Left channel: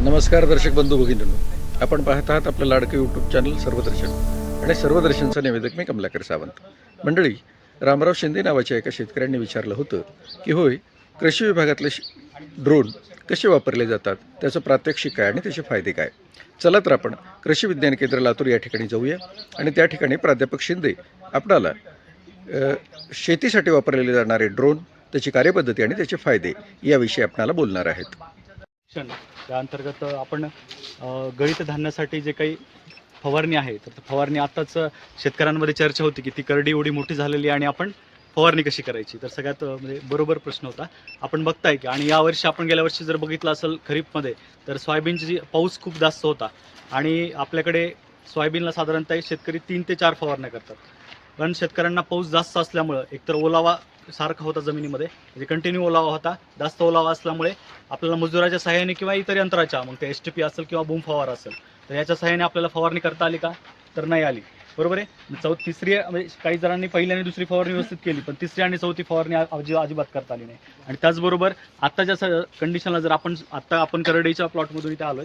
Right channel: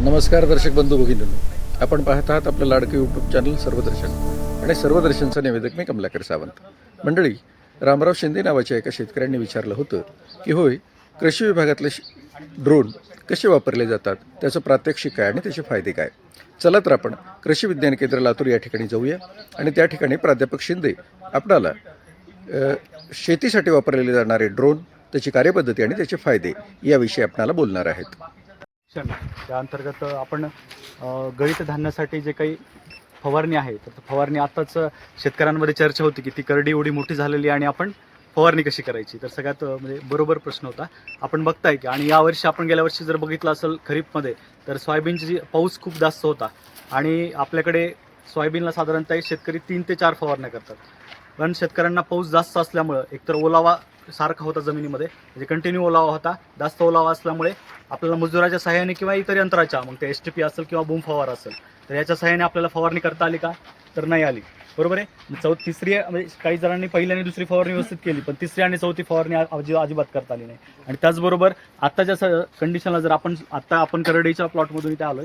नमस्कार दर्शक बंधू भगिनींनो, आपण पाहत आहात आपलं लाडकं यूट्यूब चॅनल सर्वदर्शन आणि सर्वदर्शनचा निवेदक मी कमलाकर सावंत. मंडळी, रामराव शिंदे नावाच्या एका शेतकऱ्यांनी विचारलं होतं की होय, कृषी विभागातले ड्रोन कसे वापरले जातात, त्याचं प्रात्यक्षिक काय आणि त्याचे फायदे काय. चला तर आपण कृषी विज्ञान केंद्र लातूर या ठिकाणी जाऊया आणि त्या ठिकाणी प्राध्यापक शिंदे आपणाला शेतीसाठी वापरलेले जाणारे ड्रोन, त्याची कार्यपद्धती आणि त्याचे फायदे याविषयी आपणाला बोलणार आहेत. त्या अंतर्गत आपण गळीत धान्यासाठी जे काही फवारणी आहे तर फवारणी आताच शेतकऱ्यांमध्ये चर्चा होती की ती करडी एवढी मोठी झालेली आणि आपण फवारणी कशी करायची. तर सगळ्यात म्हणजे बरोबर प्रश्न होता. आपण बघताय की आणि यावर्षी आपण गेल्या वर्षी जर बघितलं असेल खरीपमध्ये तर सोयाबीनची जी पाऊस खूप जास्त होता आणि आपल्याकडे सोयाबीनला साधारणतः शेतकरी 3 ते 4 फवारण्या करतात. पण शेतकऱ्यांना पाऊस जास्त असल्यामुळं एकतर ओलावा सारखा होता जमिनीमध्ये, म्हणजे कंटिन्यू ओलावा होता. जास्त ओलावा असल्यामुळे आपल्याला मजुराच्या सहाय्याने किंवा इतर यंत्राच्या, मग ते STP असेल किंवा बूम फवारा असेल, तर याच्या सहाय्याने आपल्याला फवारणी करता आली का, तर नाही आली. बरोबर आहे. तिसरी म्हणजे काही जणांनी पहिली आणि दुसरी फवारणी व्यवस्थित केली, पण तिसरी आणि चौथी फवारणी अजिबात करता आली नाही. आणि त्याचबरोबर आत्ताच्या कंडिशनला जर आपण करडईच्या प्लॉटमधून इथे आलोय,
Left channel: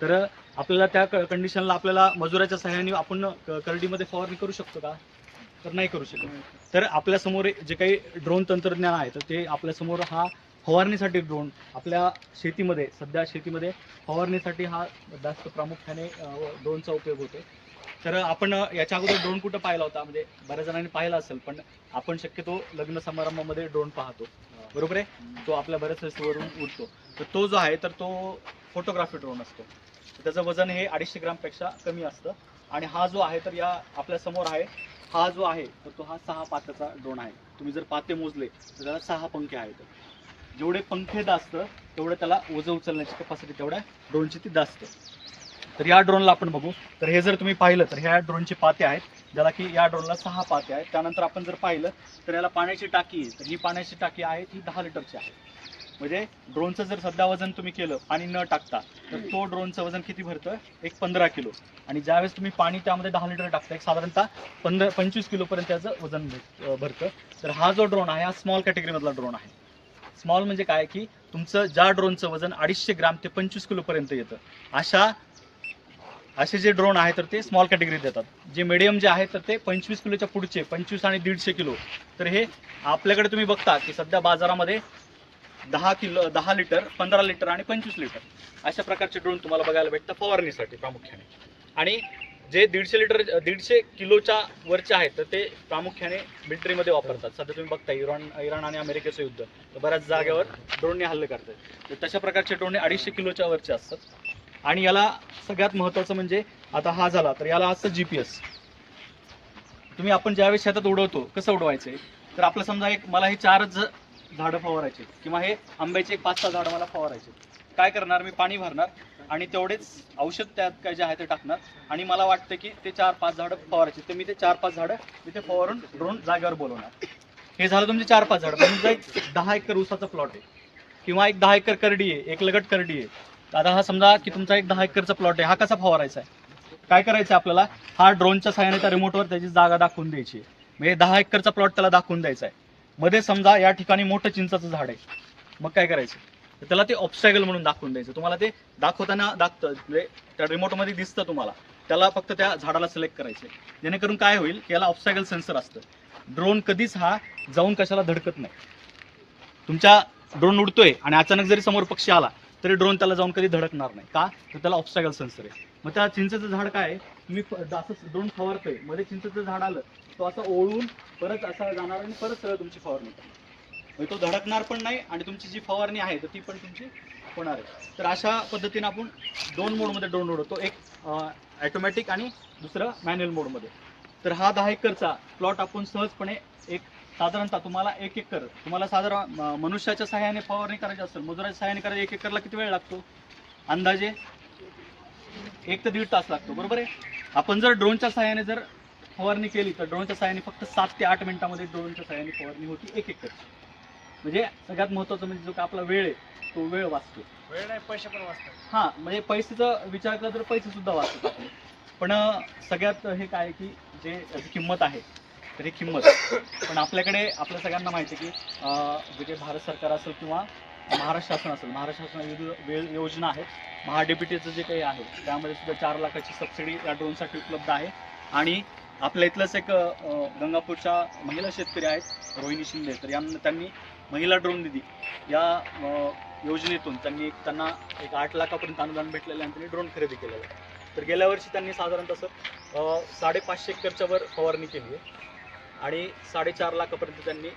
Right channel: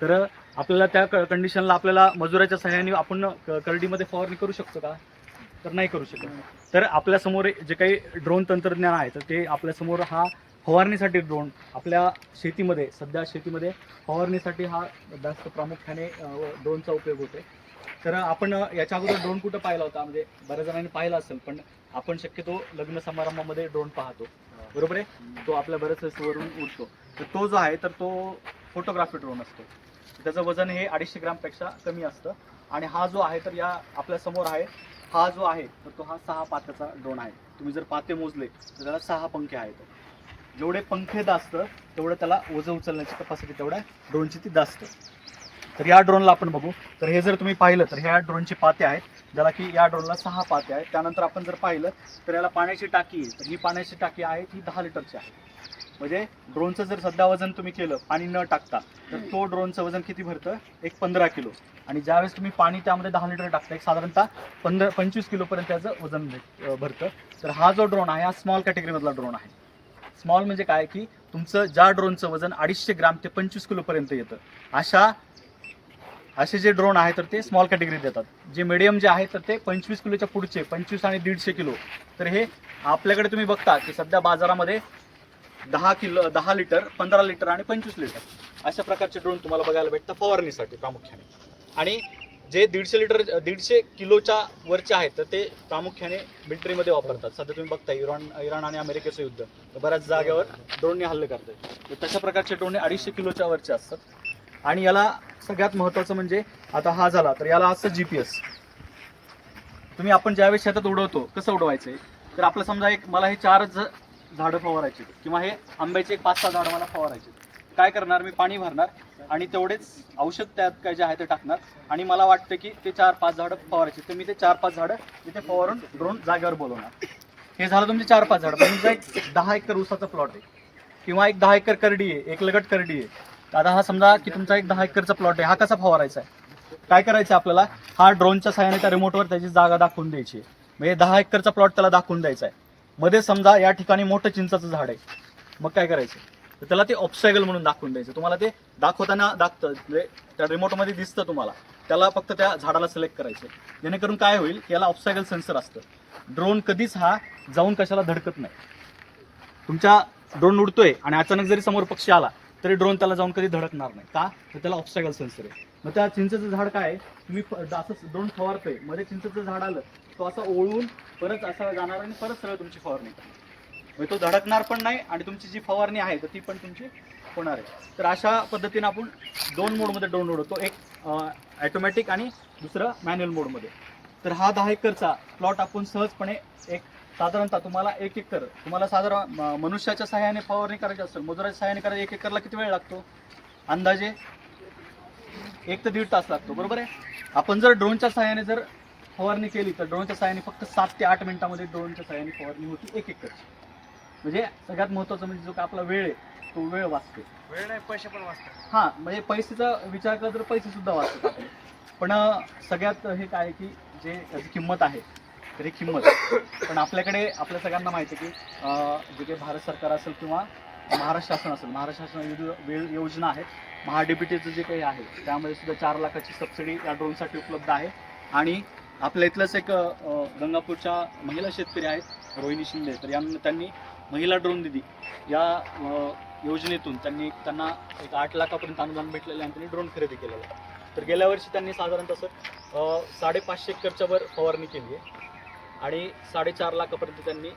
तर आपल्याला त्या कंडिशनला आपल्याला मजुराच्या सहाय्याने आपण करडीमध्ये फवारणी करू शकतो का, तर नाही करू शकत. तर आपल्यासमोर जे काही ड्रोन तंत्रज्ञान आहे तर ते आपल्यासमोर हा फवारणीसाठी ड्रोन आपल्या शेतीमध्ये सध्या फवारणीसाठी हा जास्त प्रामुख्याने ड्रोनचा उपयोग होतो. तर आपण याच्या अगोदर ड्रोन कुठं पाहिला होता, म्हणजे बऱ्याच जणांनी पाहिला असेल, पण आपण शक्यतो लग्न समारंभामध्ये ड्रोन पाहतो. बरोबर आहे. तो आपल्या बऱ्याच वरून उडतो. तर तो जो आहे तर तो फोटोग्राफी ड्रोन असतो. त्याचं वजन हे 250 ग्रामपेक्षा कमी असतं. आणि हा जो आहे तर या आपल्या समोर आहे, हा जो आहे तर तो हा 6 पात्याचा ड्रोन आहे. तुम्ही जर पाते मोजले तर त्याला 6 पंखे आहेत. जेवढे पंखे जास्त तेवढं त्याला ओझं उचलण्याची कॅपॅसिटी तेवढ्या ड्रोनची ती जास्त. तर या ड्रोनला आपण बघू. तर हे जर तुम्ही पाहिलं तर ह्या ड्रोनचे पाते आहेत, ज्याला की या ड्रोनला 6 पाते आहेत. त्यानंतर आपण जर पाहिलं तर याला पाण्याची टाकी आहे. तर ही पाण्याची टाकी आहे ती 10 लिटरची आहे. म्हणजे ड्रोनचं जर सध्या वजन तुम्ही केलं पाणी न टाकता तर तो ड्रोनचं वजन किती भरतं, एक 15 किलो. आणि ज्यावेळेस तुम्ही पाणी त्यामध्ये 10 लिटर टाकता, एक साधारणतः 25 किलोपर्यंत त्याचं वजन भरतं. तर हा जो ड्रोन आहे हा स्मॉल कॅटेगरीमधला ड्रोन आहे. स्मॉल म्हणजे काय की तुमचं ज्या ड्रोनचं वजन 250 ग्राम ते 25 किलोपर्यंत येतं, असे जे ड्रोन आहे तर ते स्मॉल कॅटेगरीत येतात. जे मिडियम जे आहे तर ते 25 किलोच्या पुढचे 25 आणि 150 किलो. तर हे आपल्याकडे तुम्ही बघता की सध्या बाजारामध्ये 10 लिटर, 15 लिटर आणि 25 लिटर अशा प्रकारचे ड्रोन तुम्हाला बघायला भेटतं फवारणीसाठी प्रामुख्याने. आणि जे 150 किलोच्या वरचे आहेत तर ते प्रामुख्याने मिलिटरीमध्ये वापरतात. सध्या तुम्ही बघता इराण आणि अमेरिकेचं युद्ध, तर बऱ्याच जागेवर ड्रोनने हल्ले करतात. तर तशा प्रकारचे ड्रोन 250 किलोच्या वरचे असतात. आणि याला सगळ्यात महत्त्वाचं म्हणजे आता हा झाला तर याला असतं GPS. तुम्ही आपण ज्यावेळेस शेतात उडवतो कसं उडवायचं, तर आपलं समजा मला हे 4च झाडं फवारायचे किंवा हे आंब्याचे 5-6 झाडं मला फवारायचे. काय करणार, मी पाणी भरणार आणि तेवढेच औषध त्यात काय जे आहे ते टाकणार आणि मला वाटतं की ते 4-5 झाडं फवारायचे, तर मी ते 4-5 झाडं इथे फवारून ड्रोन जागेवर बोलवणार. हे झालं तुमचे 4-5 झाडं. पण तुमचा एक 10 एकर ऊसाचा प्लॉट आहे किंवा एक 10 एकर करडी आहे, एक लगट करडी आहे. आता हा समजा की तुमचा एक 10 एकरचा प्लॉट आहे, हा कसा फवारायचा आहे, काय करायचं आपल्याला, हा ड्रोनच्या सहाय्याने त्या रिमोटवर त्याची जागा दाखवून द्यायची. म्हणजे 10 एकरचा प्लॉट त्याला दाखवून द्यायचा आहे. मध्ये समजा या ठिकाणी मोठं चिंचाचं झाड आहे, मग काय करायचं, तर त्याला ते ऑब्स्टॅकल म्हणून दाखवून द्यायचं. तुम्हाला ते दाखवताना दाखतं, म्हणजे त्या रिमोटमध्ये दिसतं तुम्हाला. त्याला फक्त त्या झाडाला सिलेक्ट करायचं, जेणेकरून काय होईल, याला ऑब्स्टॅकल सेन्सर असतं. ड्रोन कधीच हा जाऊन कशाला धडकत नाही. तुमच्या ड्रोन उडतोय आणि अचानक जरी समोर पक्षी आला तरी ड्रोन त्याला जाऊन कधी धडकणार नाही. का, तर त्याला ऑब्स्टॅकल सेन्सर आहे. मग त्या चिंचेचं झाड काय आहे, तुम्ही असं ड्रोन फवारतोय, मध्ये चिंचेचं झाड आलं, तो असं ओळून परत असा जाणार आणि परत सगळं तुमची फवारणी करणार. म्हणजे तो धडकणार पण नाही आणि तुमची जी फवारणी आहे तर ती पण तुमची होणार आहे. तर अशा पद्धतीने आपण 2 मोडमध्ये ड्रोन उडवतो, एक ऑटोमॅटिक आणि दुसरं मॅन्युअल मोडमध्ये. तर हा 10 एकरचा प्लॉट आपण सहजपणे एक साधारणतः तुम्हाला 1 एकर, तुम्हाला साधारण मनुष्याच्या सहाय्याने फवारणी करायची असेल, मजुराच्या सहाय्याने करायची, 1 एकरला किती वेळ लागतो, अंदाजे 1 ते 1.5 तास लागतो. बरोबर आहे. आपण जर ड्रोनच्या सहाय्याने जर फवारणी केली तर ड्रोनच्या सहाय्याने फक्त 7 ते 8 मिनिटांमध्ये ड्रोनच्या सहाय्याने फवारणी होती 1 एकर. म्हणजे सगळ्यात महत्त्वाचं म्हणजे जो का आपला वेळ आहे तो वेळ वाचतो. वेळ नाही, पैसे पण वाचतात. हां, म्हणजे पैसेचा विचार केला तर पैसे सुद्धा वाचतात आपले. पण सगळ्यात हे काय की जे याची किंमत आहे तर ही किंमत, पण आपल्याकडे आपल्या सगळ्यांना माहिती आहे की जे काही भारत सरकार असेल किंवा महाराष्ट्र शासन असेल, महाराष्ट्र शासन विविध योजना आहेत महाडीबीटीचं जे काही आहे त्यामध्ये सुद्धा 4 लाखाची सबसिडी या ड्रोनसाठी उपलब्ध आहे. आणि आपल्या इथलंच एक गंगापूरच्या महिला शेतकरी आहेत रोहिणी शिंदे, तर त्यांनी महिला ड्रोन दिदी या योजनेतून त्यांना एक 8 लाखापर्यंत अनुदान भेटलेलं आहे आणि त्यांनी ड्रोन खरेदी केलेलं आहे. तर गेल्या वर्षी त्यांनी साधारणतः सर 550 एकरच्या वर फवारणी केली आहे आणि 4.5 लाखापर्यंत त्यांनी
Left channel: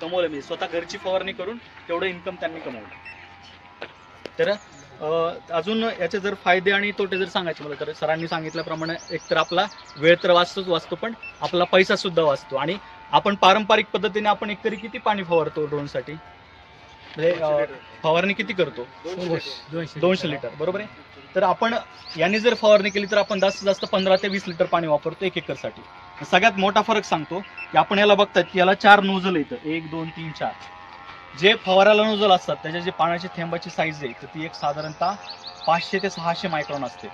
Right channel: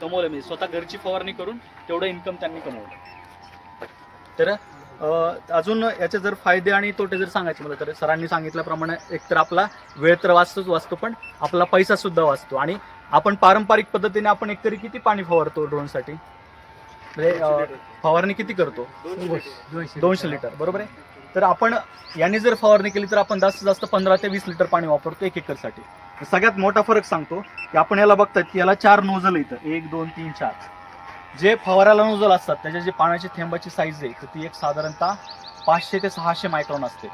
कमवलं, म्हणजे स्वतः घरची फवारणी करून तेवढं इन्कम त्यांनी कमवलं. तर अजून याचे जर फायदे आणि तोटे जर सांगायचे मला तर सरांनी सांगितल्याप्रमाणे एकतर आपला वेळ तर वाचतो पण आपला पैसा सुद्धा वाचतो. आणि आपण पारंपरिक पद्धतीने आपण एकतरी किती पाणी फवारतो ड्रोनसाठी, म्हणजे फवारणी किती करतो 200 लिटर बरोबर आहे. तर आपण यांनी जर फवारणी केली तर आपण जास्तीत जास्त 15 ते 20 लिटर पाणी वापरतो 1 एकरसाठी. सगळ्यात मोठा फरक सांगतो की आपण याला बघतात की याला 4 नोझल येतं, 1 2 3 4. जे फवाराला नोझल असतात त्याच्या जे पाण्याची थेंबाची साईज आहे तर ती एक साधारणतः 500 ते 600 मायक्रॉन असते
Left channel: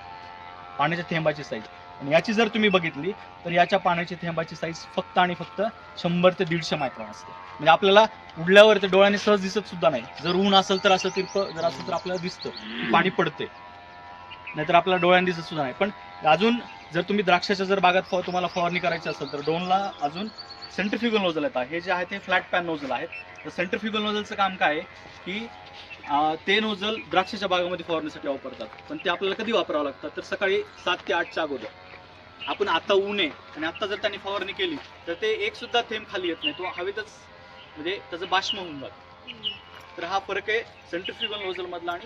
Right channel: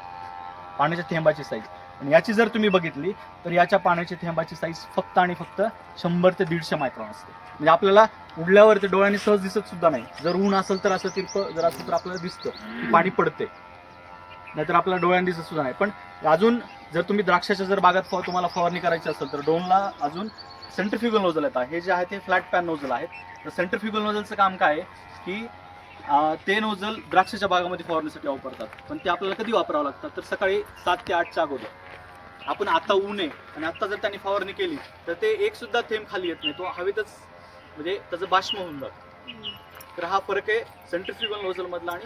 पाण्याच्या थेंबाची साईज. आणि याची जर तुम्ही बघितली तर याच्या पाण्याची थेंबाची साईज फक्त आणि फक्त 100 ते 150 मायक्रॉन असते. म्हणजे आपल्याला उडल्यावर ते डोळ्याने सहज दिसत सुद्धा नाही. जर ऊन असेल तर असं तिरपं जर असेल तर आपल्याला दिसतं की पाणी पडते, नाहीतर आपल्याला डोळ्याने दिसत सुद्धा नाही. पण अजून जर तुम्ही द्राक्षाच्या जर बागात तुम्हाला फवारणी करायची असेल तर ड्रोनला अजून सेंट्रिफ्युगल नोझल येतात. हे जे आहे ते फ्लॅट पॅन नोझल आहेत. तर सेंट्रिफ्युगल नोझलचं काम काय आहे की ते नोझल द्राक्षाच्या बागामध्ये फवारण्यासाठी वापरतात. पण ते आपल्याला कधी वापरावं लागतात तर सकाळी 7 ते 8च्या अगोदर. आपण आता ऊन आहे आणि आता जर त्यांनी फवारणी केली तर ते एक सुद्धा थेंब खाली येत नाही, तो हवेतच म्हणजे त्याचं बाष्प होऊन जातं. तर हा फरक आहे सेंट्रिफ्युगल नोझल मधला आणि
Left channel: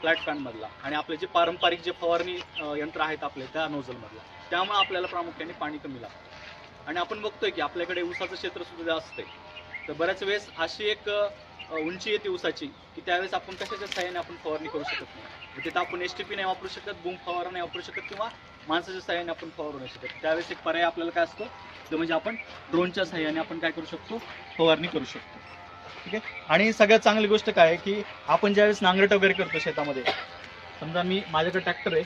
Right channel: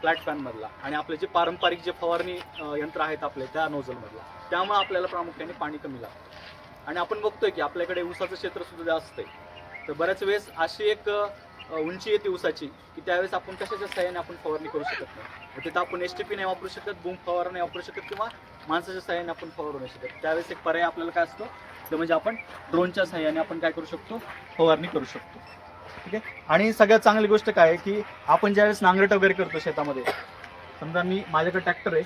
फ्लॅट पॅन मधला आणि आपले जे पारंपरिक जे फवारणी यंत्र आहेत आपले त्या नोझल मधला. त्यामुळे आपल्याला प्रामुख्याने पाणी कमी लागतं. आणि आपण बघतोय की आपल्याकडे ऊसाचं क्षेत्र सुद्धा जास्त आहे. तर बऱ्याच वेळेस अशी एक उंची येते ऊसाची की त्यावेळेस आपण कशाच्या सहाय्याने आपण फवारणी करू शकत नाही. तिथं आपण STP नाही वापरू शकत, बूम फवारा नाही वापरू शकत किंवा माणसाच्या सहाय्याने आपण फवारू नाही शकत. त्यावेळेस एक पर्याय आपल्याला काय असतो तर म्हणजे आपण ड्रोनच्या सहाय्याने आपण काय करू शकतो, फवारणी करू शकतो. ठीक आहे. आणि सगळ्यात चांगली गोष्ट काय आहे की आपण ज्यावेळेस नांगरट वगैरे करतो शेतामध्ये, समजा माझ्याकडे ट्रॅक्टर आहे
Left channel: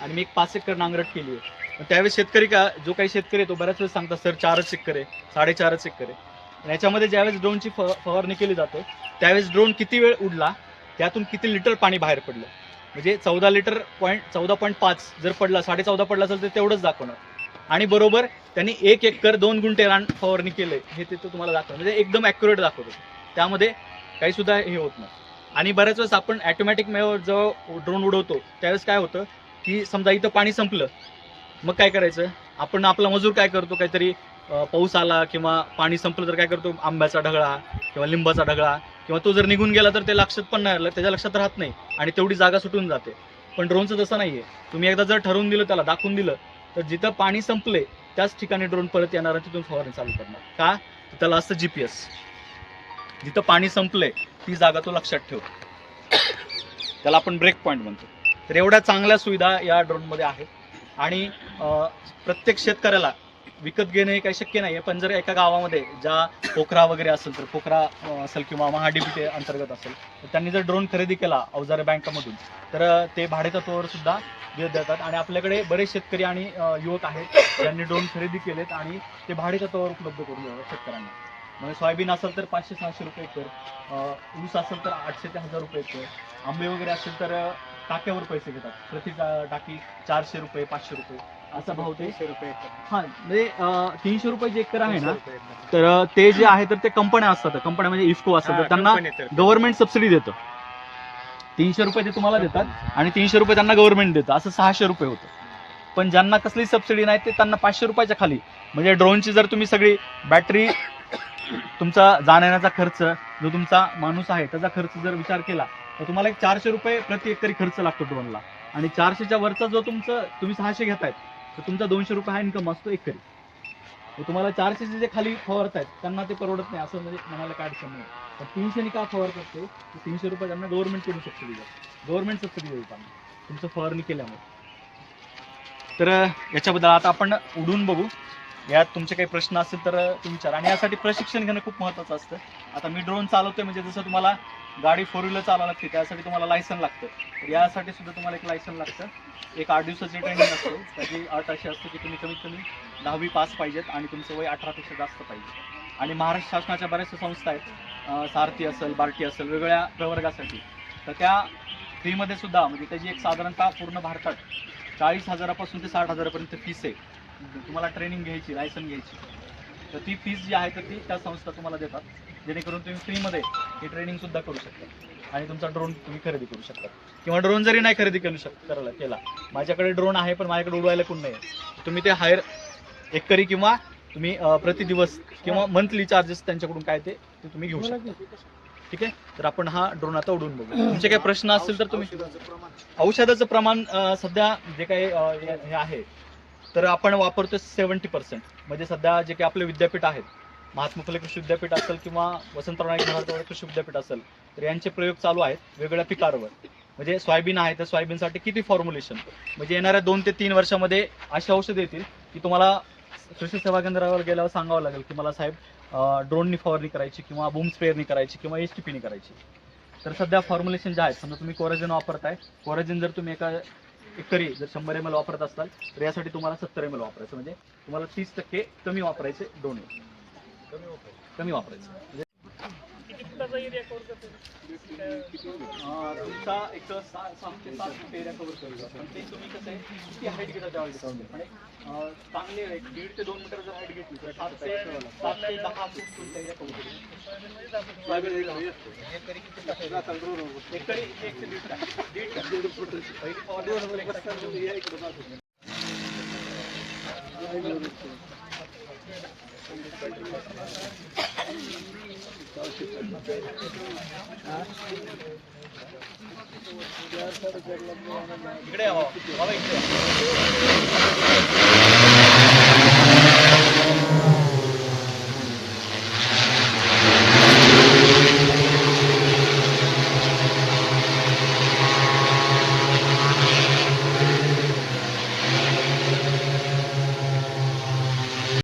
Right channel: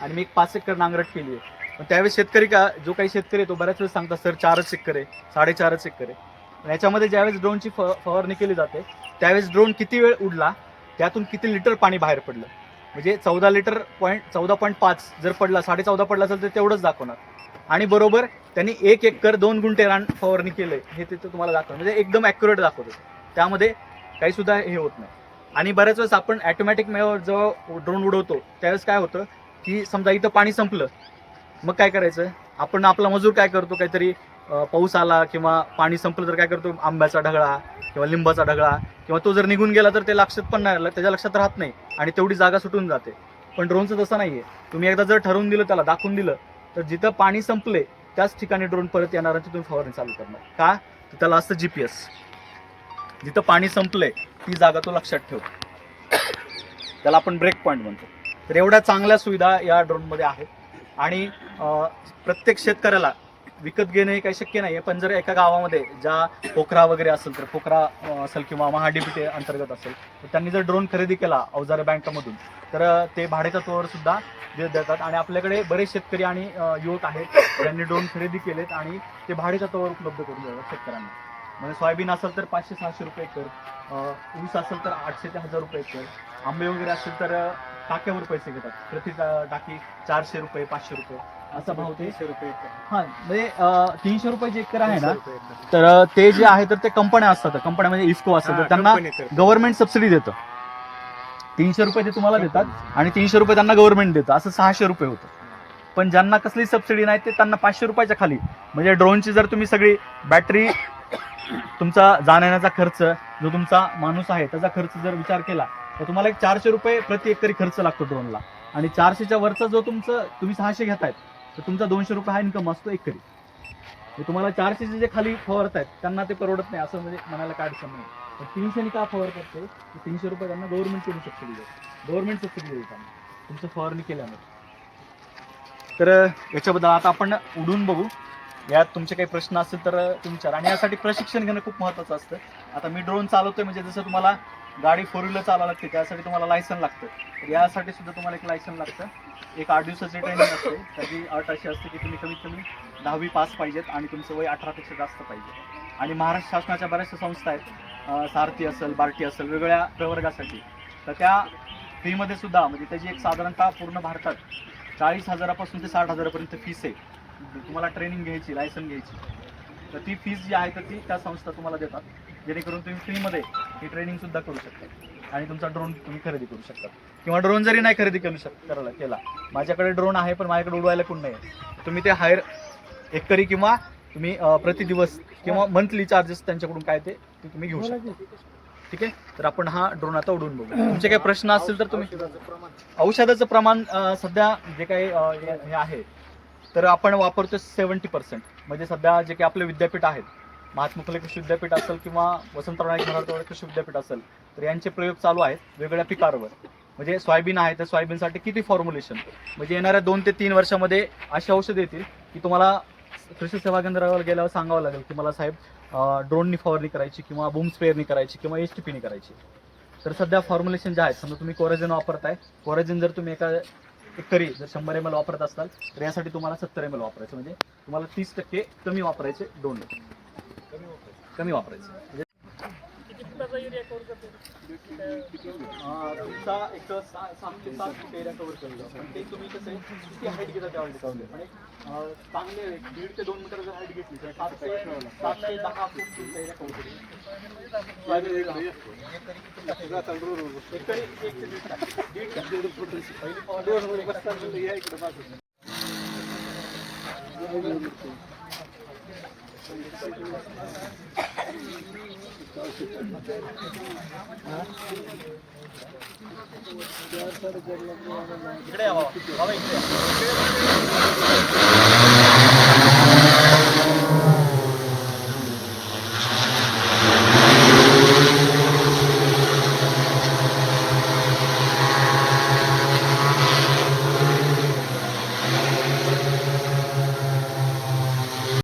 आणि मी एक 5 एकर नांगरट केली आहे, पण त्यावेळेस शेतकरी जो काही शेतकरी आहे तो बऱ्याच वेळेस सांगतात सर 4च एकर आहे, 4.5 एकर आहे. आणि याच्यामध्ये ज्यावेळेस ड्रोनची फवारणी केली जाते त्यावेळेस ड्रोन किती वेळ उडला, त्यातून किती लिटर पाणी बाहेर पडलं, म्हणजे 14.5 जर पडला, 14.5 पडला असेल तर तेवढंच दाखवणार. आणि बरोबर त्यांनी 1 एकर 2 गुंठे रान फवारणी केलंय हे तिथं तुम्हाला दाखवणार, म्हणजे एकदम ॲक्युरेट दाखवतो. त्यामध्ये काही सुद्धा हे होत नाही. आणि बऱ्याच वेळेस आपण ॲटोमॅटिक मेवर जेव्हा ड्रोन उडवतो त्यावेळेस काय होतं की समजा इथं पाणी संपलं, मग काय करायचं, आपण आपला मजूर काय करतो, काहीतरी पाऊस आला किंवा पाणी संपलं तर काय करतो, आंब्याचा ढगळा किंवा लिंबाचा ढगळा किंवा तो जर निघून गेला तर ते लक्षात पण नाही, त्याच्या लक्षात राहत नाही आणि तेवढी जागा सुटून जाते. पण ड्रोनचं तसं नाही आहे. तुम्ही एकदा जर ठरवून दिलं, त्याला दाखवून दिलं तर जिथं पाणी संपले त्याच ठिकाणी ड्रोन परत येणार आणि तिथून फवारणी चालू करणार. का तर त्याला असतं GPS, जिथं पाणी संपलंय ती जागा तो लक्षात ठेवतो, त्याला आपण ब्रेक पॉईंट म्हणतो. तर एवढ्या चांगल्या सुविधा या ड्रोनमध्ये आहेत. आणि प्रत्येक शेतकऱ्याला विकत घेणं हे काही शक्य नाही आहे, पण जर एका गावामध्ये ज्या पोखरा वगैरे असेल तर पोखरा असेल किंवा महाडीबीटी अंतर्गत असेल तर त्यांनी जर ड्रोन खरेदी केला अवजारे बँकामधून तर ते भाडेतत्वावर सुद्धा देतात. आणि आपल्याकडे बरेच शेतकरी आणि युवक आहेत ज्यांनी ड्रोन खरेदी केलेत आणि ते भाडेतत्वावर उपलब्ध करून देतात शेतकऱ्यांना. म्हणजे सोयाबीन असेल तर 500-600 रुपये एकर, ऊस असेल तर 800 ते 1000 रुपये एकर, आंबे वगैरे असेल तर टाक्यावर पैसे घेतात, प्रति टाकी 400 रुपये 500 रुपये असा भाव ते. 300 रुपये एकर. हां, म्हणजे 300 रुपये जे एकर आहे ना, तर ते जे आहे तर ते कंपन्या असतात, कंपन्या म्हणजे इफ्को असतात, तर त्यांना गव्हर्नमेंट सबसिडी देतं. 300 रुपये ते तुम्हाला देतात आणि 300 रुपये त्यांना गव्हर्नमेंट देतं, असं 600 रुपये होतं. पण ज्यांना कसली सबसिडी नाही ते त्यांना 500 रुपयाच्या खाली, म्हणजे ड्रोनची जर तुम्ही सगळी बॅटरी, तुमचा जाण्याचा खर्च, जो तुमचा माणूस आहे त्याचा खर्च जर विचार केला तर तुम्हाला 400 रुपये प्रति एकरी खर्च लागतो ड्रोनला. आणि 400च्या वरचा जो तुम्ही 600 घेतायत तर तुमचा 200 रुपये हा इन्कम असतो एकरी. तुम्हाला 400चे जे खाली फवारतायत त्यांना ते परवडत नाही, असं म्हणजे म्हणायला काय अडचण नाही. पण 300 का फवारतात ते 300 रुपये त्यांना गव्हर्नमेंटकडून सबसिडी देतात, गव्हर्नमेंट सबसिडी देईल त्यांना तुमचं फवारणी केल्यामुळे. तर याच्याबद्दल आता आपण उडून बघू. यात तुमचे काही प्रश्न असतील तर तुम्ही विचारा. आणि यासाठी प्रशिक्षण घेणं खूप महत्त्वाचं असतं. आता मी ड्रोन चालवतोय म्हणजे जसं तुम्हाला गाडी 4 व्हीलर चालवावं लागते त्यासाठी तुम्हाला लायसन लागतं, तर यासाठी सुद्धा तुम्हाला एक लायसन लागतं. एक 8 दिवसाची ट्रेनिंग असते. त्याची अट अशी असते की तुम्ही कमीत कमी 10वी पास पाहिजेत आणि तुमचं वय 18पेक्षा जास्त पाहिजे. आणि महाराष्ट्र शासनाच्या बऱ्याचशा संस्था आहेत, सारथी असेल, बार्टी असेल, वेगवेगळ्या प्रवर्गासाठी, तर त्या फ्रीमध्ये सुद्धा म्हणजे त्याची एक साधारणतः पूर्ण भारतात 40,000पासून ते 60,000पर्यंत फीस आहे. तुम्हाला ट्रेनिंग घ्यायची, लायसन घ्यायची, तर ती फीस जी आहे तर ती त्या संस्था तुम्हाला देतात, जेणेकरून तुम्ही फ्रीमध्ये ही ट्रेनिंग सुद्धा करू शकता आणि तुमचा ड्रोन तुम्ही खरेदी करू शकता. किंवा ड्रोन जरी नाही खरेदी केला, माझ्याकडे ड्रोन आहे पण माझ्याकडे उडवायला कोण नाही आहे, तुम्ही ते हायर एकरी किंवा तुम्ही प्रतिदिवस किंवा मंथली चार्जेस त्यांच्याकडून काय ते तुम्ही घेऊ शकता. ठीक आहे, तर आपण हा ड्रोन आता उडवून बघू. तुमचे काही प्रश्न असतील तर तुम्ही. औषधाचं प्रमाण सध्या जे काही हे आहे तर आपण वापरतो 70%. म्हणजे सध्या जे काही आपले विद्यापीठ आहेत, महात्मा फुले कृषी विद्यापीठ असेल किंवा वसंतराव नाईक मराठवाडा कृषी विद्यापीठ असेल, तर यांचे प्रयोग चालू आहेत वेगवेगळ्या पिकांवर. म्हणजे सोयाबीन आहे तर सोयाबीनसाठी किती फॉर्म्युलेशन, म्हणजे येणाऱ्या 2 ते 3 वर्षामध्ये अशी औषधं येतील की तुम्हाला कृषी सेवा केंद्रावर गेल्यावर सांगावं लागेल की मला साहेब ड्रोननी फवारणी करायची किंवा बूम स्प्रेअरनी करायची किंवा HTPनी करायची. तर सध्या फॉर्म्युलेशन जे आहेत, समजा तुम्ही कोराजेन वापरताय, कोराजेन जर तुम्ही एकरी जर 100 ml वापरत असाल तर यासाठी तुम्हाला 70 ml वापरायचं, म्हणजे तुम्हाला 30% कमी वापरायचे ड्रोन, कमी वापरायचं. म्हणजे तुमचा एक 6 ते 7 फूट एरिया कव्हर करतो, पण ते तुम्ही कसं आहे किती हाईट घेता त्यावर डिपेंड. पण एक चांगले 1.5 ते 2 मीटर जर हाईट घेतली तर 7 ते 10 फूट तुमचा एरिया कव्हर करतो. एकरी 1 ते 1.5 पहिली फवारणी. इकडे या बाबा, इकडे या.